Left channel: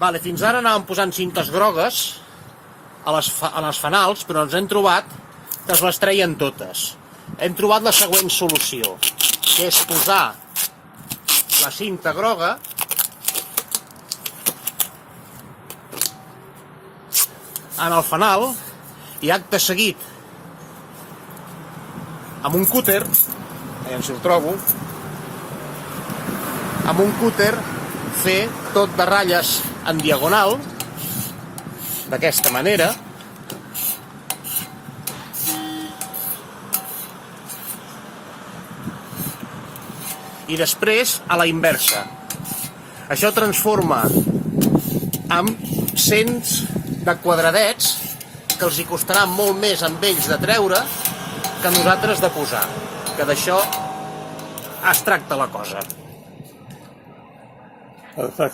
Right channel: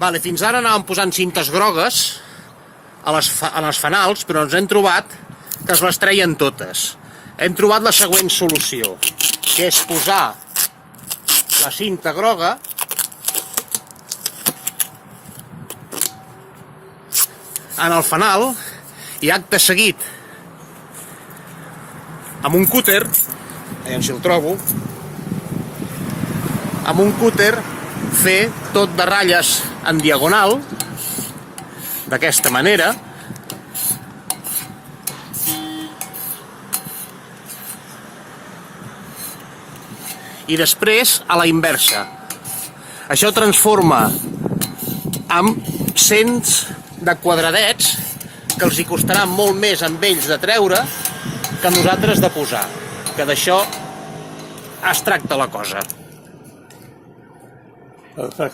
Fins ara anàvem posant cintes grogues en els fanals, però ens hem trobat que es les treien totes. Hem trobat la següent solució, que és posar la cinta groga en el fanal i acte seguit amb un cúter, aviam si el trobo, amb un cúter fer tot de ratlles en diagonal, d'aquesta manera, i després a la inversa. Això transforma en cents de quadradets que els hi costarà molt més amb ells de treure que nosaltres de posar, que d'això es tracta la cosa. Perfecte.